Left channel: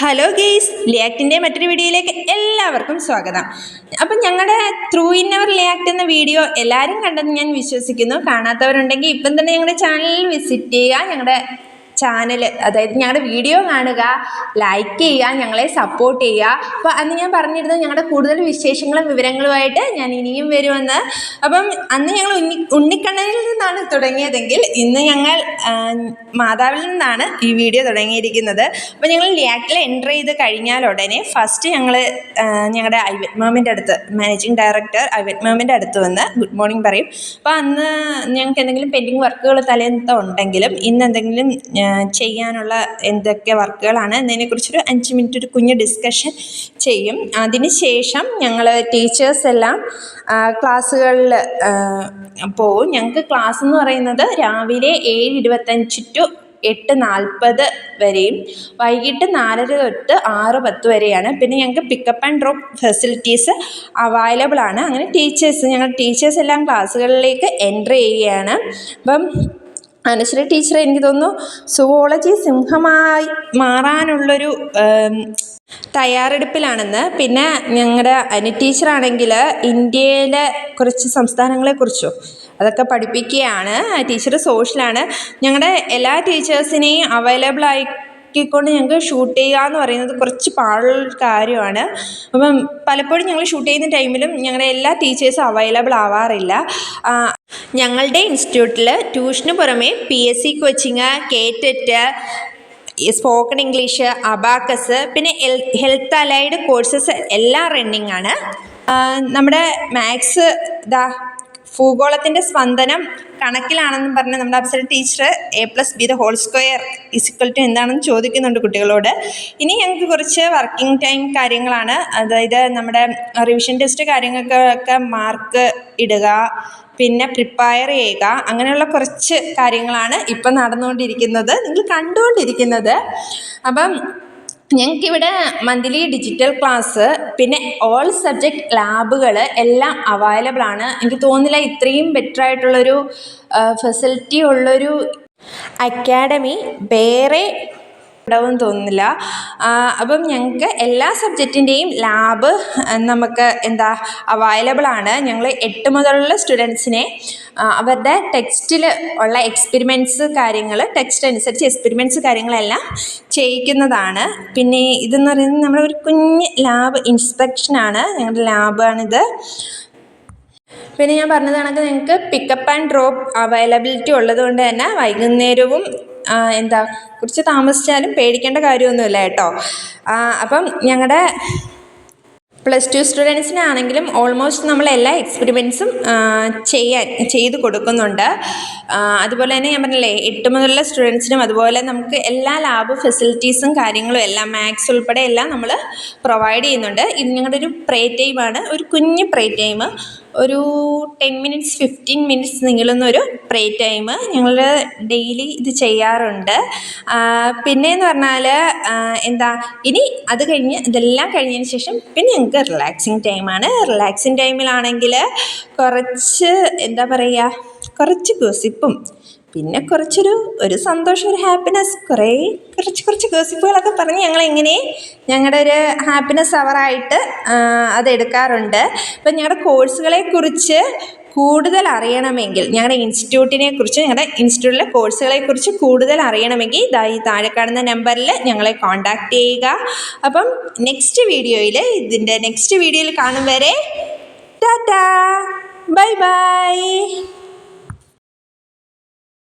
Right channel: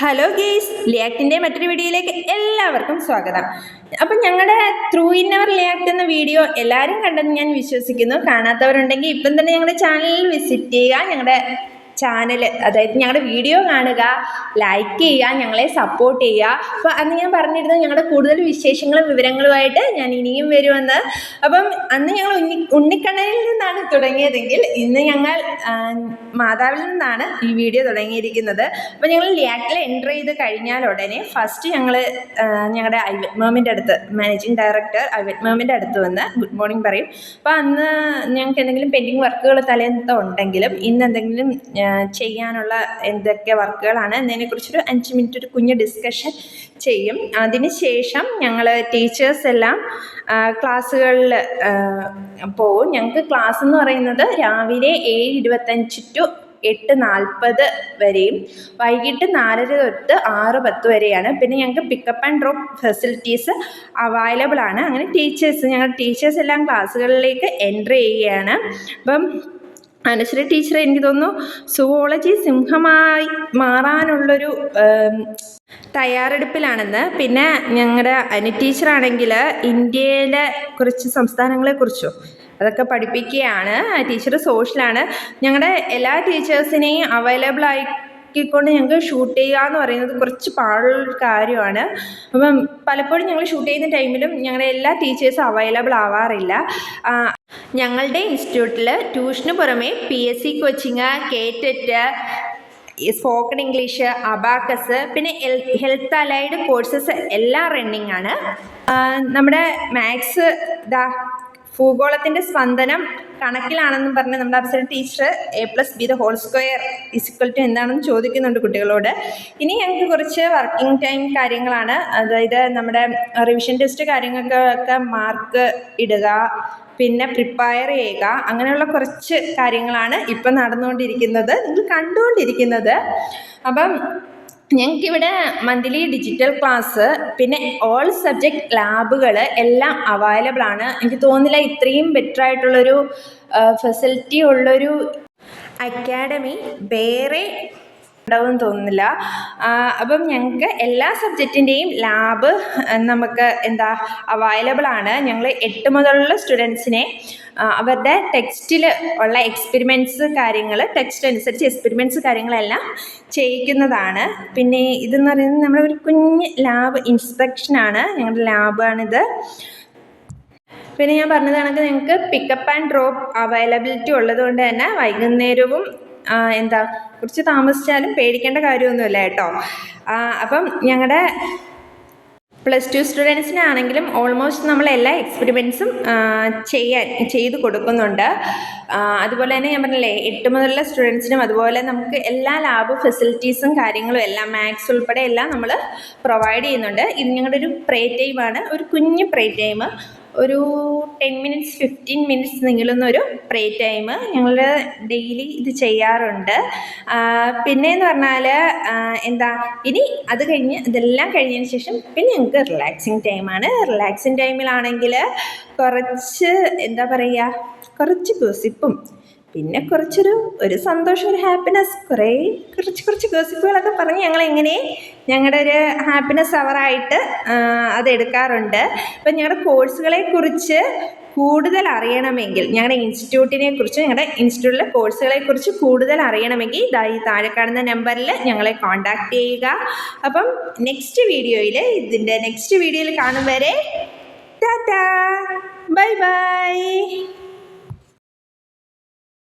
Hello guys, ലിയാക്ടിൻ്റെ മറ്റൊരു വീഡിയോയിലേക്ക് എല്ലാവർക്കും സ്വാഗതം. അപ്പം ഞങ്ങളുടെ ത്രൂ ഇൻ അവർ ലിയാക്ട് എന്ന വീഡിയോ എല്ലാവരും കണ്ടെന്ന് ഞാൻ വിശ്വസിക്കുന്നു. കാണാത്തവരുണ്ടെങ്കിൽ ഇപ്പം തന്നെ ഞങ്ങളുടെ ചാനലിൽ വിസിറ്റ് ചെയ്യുക. ഞങ്ങളുടെ ചാനൽ, അതായത് ഞങ്ങളുടെ വീഡിയോ കാണുക, ലൈക്ക് ചെയ്യുക, ഞങ്ങളെ സപ്പോർട്ട് ചെയ്യുക. അപ്പോൾ അന്ന് ഞാൻ പറഞ്ഞിരുന്നത് ഞങ്ങളുടെ കൂടുതൽ വിശേഷങ്ങളും വിവരങ്ങളുമായിട്ട് ഞാൻ ഇനിയും വരുമെന്ന്. അപ്പം അന്ന് ഞങ്ങൾ ഉണ്ണിക്കണ്ണനിൽ നിന്നാണ് തുടങ്ങിയതെങ്കിൽ ഇന്ന് ഞങ്ങൾ മാതാവിൽ നിന്നാണ് ഈ വീഡിയോ തുടങ്ങിയിരിക്കുന്നത്. അപ്പോൾ ഞങ്ങൾ ലിയാക്ടിൽ എൻ്റർ ചെയ്ത് കഴിഞ്ഞാൽ ഉടനെ ഫസ്റ്റ് ഞങ്ങൾ ഞങ്ങളുടെ ഐവറ്റ് മാമിൻ്റെ അടുത്ത്, മാനേജിങ് ഡയറക്ടർ ഐവറ്റ് മാമിൻ്റെ അടുത്ത് വന്ന് ഗുഡ് മോർണിംഗ് പറയും. അപ്പോൾ അന്ന് ഞങ്ങൾക്ക് എന്തെങ്കിലും പെൻഡിങ് വർക്കുകൾ തലേന്നത്തെ ഉണ്ടെങ്കിലും ഇന്ന് എന്തെങ്കിലും ചെയ്യാനുള്ള എന്തൊക്കെ വർക്കുകളാണ് എന്നതിനെക്കുറിച്ചൊരു 5 മിനിറ്റ് ഒരു കുഞ്ഞ് ഡിസ്കഷൻ ചെയ്യും. അതിന് ശേഷം ഞങ്ങൾ ടീച്ചേഴ്സ് എല്ലാം ക്ലാസ്സുകളിൽ പോവും. ഞങ്ങൾക്ക് ക്ലാസ് എന്ന് പറയുന്നത് രാവിലെ 7:25 ടു 8:40 വരെയും വൈകിട്ട് 4:30 തൊട്ട് 6:10 വരെയാണ്. പിന്നെ ഞങ്ങൾക്ക് pickup and drop facilities available ആണ്. അങ്ങനെ ഞങ്ങളുടെ ടീച്ചേഴ്സ് എല്ലാം ക്ലാസ്സുകളിലേക്ക് എൻ്റർ ചെയ്യുകയാണ്. അപ്പം അനശ്വര ടീച്ചർ എനിക്ക് തോന്നുന്നു സുവോളജി സിംഹമായി മാറാനുള്ളൊരു തയ്യാറെടുപ്പിലാണെന്ന്. പിന്നെ ഞങ്ങളുടെ അനി ടീച്ചറാണെങ്കിൽ ഇന്ത്യയിലെ കുറച്ച് സംസ്ഥാനങ്ങളെക്കുറിച്ചോ അതൊക്കെ പഠിപ്പിക്കുകയാണ്. ടീച്ചർ സോഷ്യലാണ്. ഞങ്ങളുടെ എല്ലാ ടീച്ചേഴ്സിനെയും അവൈലബിൾ ആക്കിക്കൊണ്ട് ഞങ്ങൾക്ക് ഷൂട്ട് ചെയ്യുക എന്ന് പറയുന്നത് കുറച്ച് പാടുള്ളൊരു കാര്യമാണ്. അപ്പം പലപ്പോഴും ഞങ്ങൾ ഷൂട്ട് ചെയ്യുന്ന ടൈമിലും ഞങ്ങളുടെ എല്ലാ ടീച്ചേഴ്സും അവൈലബിൾ ആവാറില്ല. ഞങ്ങളുടെ ഇൻസ്റ്റിറ്റ്യൂട്ടിൽ ട്യൂഷന് പുറമെ PSC coaching, KTET, spoken English, abacus, പിന്നെ ഹെൽത്ത് അലൈഡ് കോഴ്സസ് എല്ലാം റണ്ണിങ് ആണ്. നമ്മുടെ മാത്സ് ഭൂഗോളത്തിൻ്റെ സ്പന്ദനം കണക്കിലാണെന്ന് പറഞ്ഞ് നമ്മുടെ അപ്സര ടീച്ചർ A+B² എന്താണെന്ന് ചോദിക്കുന്നുണ്ട് കുട്ടികളോട്. ഇനി ഞങ്ങൾക്ക് കുറച്ച് വർക്കിംഗ് ടൈം കാര്യങ്ങളാണ്. അതായത് നമ്മുടെ റിവിഷൻ ടെസ്റ്റ് കാര്യങ്ങൾക്കൊക്കെ മാർക്ക് ഇടുക, പിന്നെ പ്രിപ്പയർ ചെയ്യുക, അങ്ങനെയുള്ള കുറച്ച് കാര്യങ്ങളാണ് ഇപ്പം നടന്നുകൊണ്ടിരിക്കുന്നത്, നിങ്ങൾ കണ്ടുകൊണ്ടിരിക്കുന്നത്. അപ്പം ഞങ്ങൾക്കിവിടെ മന്ത്ലി ഡിജിറ്റൽ ക്ലാസ്, പിന്നെ ഓൾ സബ്ജക്റ്റ് ലാബുകൾ എല്ലാം അവൈലബിൾ ആണ്. എനിക്ക് തോന്നുന്നില്ല ഇത്രയും ബെറ്റർ ആയിട്ടുള്ളൊരു ഫെസിലിറ്റി ഉള്ളൊരു അക്കാഡമി വേറെ ഉണ്ടാവുമെന്ന് തോന്നുന്നില്ല. അപ്പം ഞങ്ങൾക്ക് എല്ലാ സബ്ജക്റ്റിൻ്റെയും ലാബ് നമുക്ക് അവൈലബിൾ ആണ്. ഞങ്ങൾ 8 മുതലുള്ള സ്റ്റുഡൻസിനെ അവരുടെ ടെക്സ്റ്റിൽ ഉള്ള എക്സ്പെരിമെൻറ്റ്സ് കാര്യങ്ങൾ, ടെക്സ്റ്റ് അനുസരിച്ച് എക്സ്പെരിമെൻറ്റ്സ് കാര്യങ്ങളെല്ലാം ചെയ്യിക്കുന്നതാണ്. പിന്നെ ഇതെന്ന് പറയുന്നത് നമ്മുടെ ഒരു കുഞ്ഞ് ലാബ് ഇൻസ്പെക്ഷനാണ്. ഞങ്ങളുടെ ലാബാണിത്. പിന്നെ ഞാൻ പറഞ്ഞത് കണക്ക് ഞങ്ങൾക്ക് പിക്കപ്പ് ആൻഡ് ഡ്രോപ്പ് അവൈലബിലിറ്റി ഉള്ളത് കൊണ്ട് തന്നെ വൈകുന്നേരവും കുറച്ച് താമസിച്ചാലും പേടിക്കേണ്ട കാര്യമൊന്നുമില്ല കേട്ടോ. അപ്പം ഞങ്ങളുടെ +2 സ്റ്റുഡൻസിനാണെങ്കിലും ഓൾമോസ്റ്റ് നമ്മൾ എല്ലാ എക്സ്പെരിമെൻറ്റ്സും ചെയ്ത് കൊടുക്കുന്നുണ്ട്. അതുപോലെ തന്നെ ഞാൻ പറഞ്ഞില്ലേ 8 മുതലുള്ള സ്റ്റുഡൻസിനും അതുപോലെ നമുക്ക് എല്ലാ ലാബ് ഫെസിലിറ്റീസും കാര്യങ്ങളും എല്ലാം മാത്സ് ഉൾപ്പെടെ എല്ലാം നമ്മൾ പ്രൊവൈഡ് ചെയ്യുന്നുണ്ട്. ഇത് ഞങ്ങളുടെ ഒരു പ്രേ ടൈമാണ്, ഒരു കുഞ്ഞ് പ്രേ ടൈം, ഒരു 10 മിനിറ്റ്സ് 15 മിനിറ്റ്സ് നീളുന്നൊരു പ്രേ ടൈം ഞങ്ങൾ ഡെയിലി ഇത് ചെയ്യാറുണ്ട്. പിന്നെയെന്ന് പറഞ്ഞാൽ ഇനി അത് കഴിഞ്ഞ് ഇതെല്ലാം കഴിഞ്ഞതിന് ശേഷം പിന്നെ ഞങ്ങൾക്ക് റിലാക്സിങ് ടൈമാണ്. റിലാക്സിങ് ടൈമിലാണെങ്കിൽ കുറച്ച് കുറച്ച് ഗോസിപ്പും പിന്നെ ഒരു സന്തോഷം, ഒരു ഹാപ്പിനെസ്, കുറച്ച് ഗോസിപ്പുകളൊക്കെ പറഞ്ഞ് ഞങ്ങളുടെ ഒരു ഹാപ്പിനെസ് അവറായിട്ട് അതെടുക്കാറുണ്ട്. അപ്പം ഞങ്ങളുടെ കോഴ്സുകളെക്കുറിച്ച് കൂടുതൽ അറിയണമെങ്കിൽ, ഞങ്ങളുടെ ഇൻസ്റ്റിറ്റ്യൂട്ടിലെ കോഴ്സുകളെക്കുറിച്ച് കൂടുതൽ അറിയണമെങ്കിൽ ഈ താഴെ കാണുന്ന നമ്പറിൽ ഞങ്ങളെ കോൺടാക്റ്റ് ചെയ്യുക. അപ്പം നെക്സ്റ്റ് വീഡിയോയിൽ കാണും വരെ ടാറ്റാ, ബൈ ബൈ.